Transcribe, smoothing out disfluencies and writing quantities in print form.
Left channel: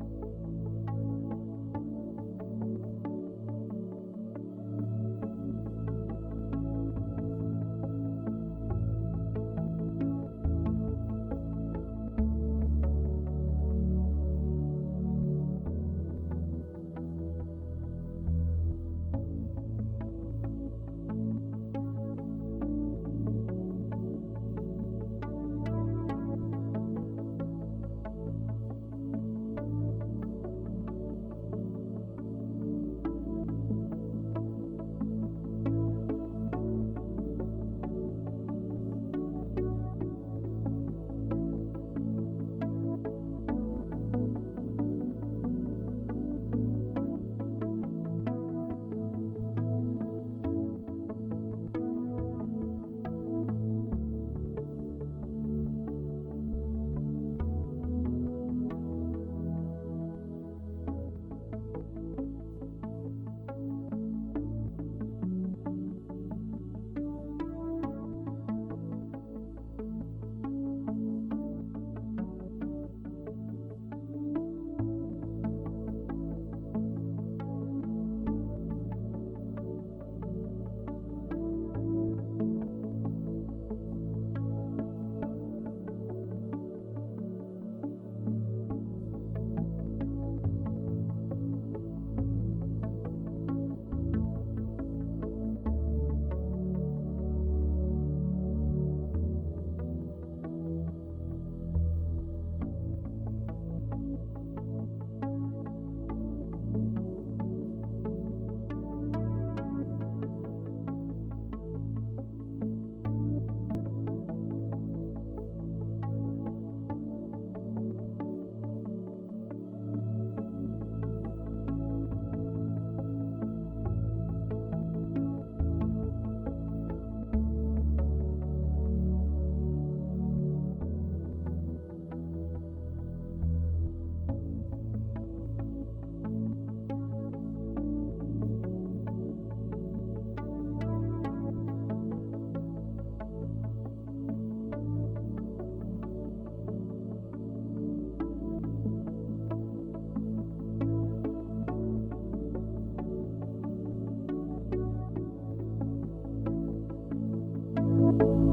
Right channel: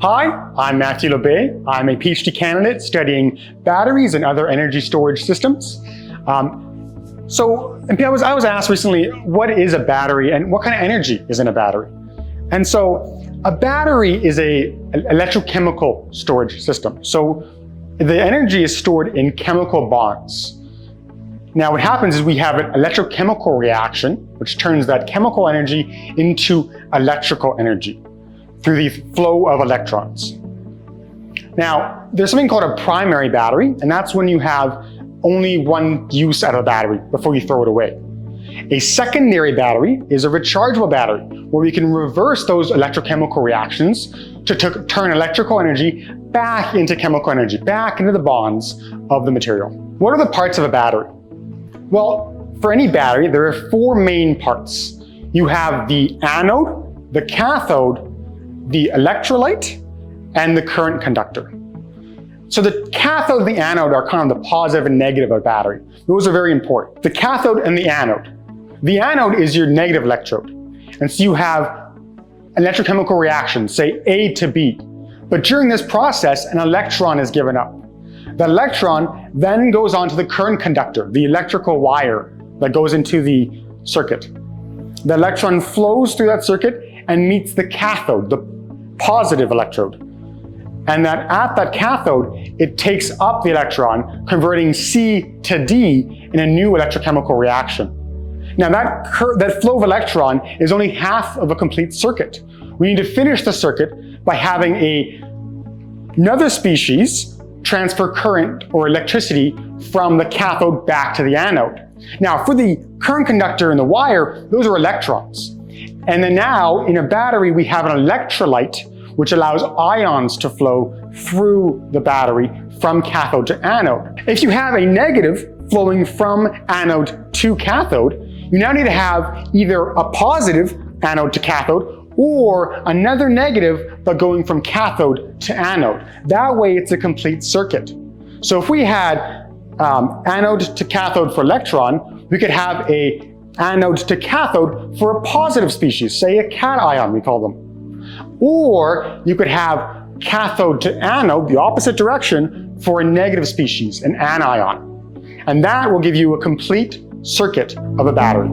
Hi, I'm Matthew Labbe. I'm a PhD candidate studying batteries and other energy storage systems. I was asked recently, what is a battery and what kind of energy is in a battery? And so a battery is an electrochemical storage system. So the energy is stored in chemical bonds. Now what happens is we have an electrochemical reaction, which turns that chemical energy into electrical energy through the flow of electrons. Now, there's something called a primary battery, and that's when you have only one use out of the battery before you throw it away. A secondary battery is a rechargeable battery, where we can reverse those electrochemical reactions to turn electrical energy back into chemical energy, back into the bonds of the material. What are the parts of a battery? Well, for any battery, there are four main parts. You have the anode, the cathode, the electrolyte, and the current conductor. So the cathode and the anode are kind of the positive and negative of a battery. Those are very important. The cathode and the anode. The anode is your negative electrode. And so you have electrochemical reactions, say A to B. But during this process, an electron is given up. The electron then goes on to the current conductor, the electrical wire that goes into the circuit. The electron flows through that circuit and meets the cathode, the positive electrode. And at that cathode, it takes up the electron, converting C to D in a new electrochemical reaction. Now that flow of electron is only half of a complete circuit. We need to finish the circuit by having another species transfer current or electricity from the cathode back to the anode. Now for the current conductor and the wire, those are electrons. And then now in a battery, we have an electrolyte, which allows ions to flow through the battery from cathode to anode. If you have a negative flowing from anode to cathode, you now need to have either a positive anode to cathode or another negative but going from cathode to anode. That way it's a complete circuit. So if we had anode to cathode for electron, we could have a anode to cathode for a positive species, say a cation, we call them. Or you could have cathode to anode, the opposite direction, for a negative species, an anion. And that will give you a complete circuit of a battery.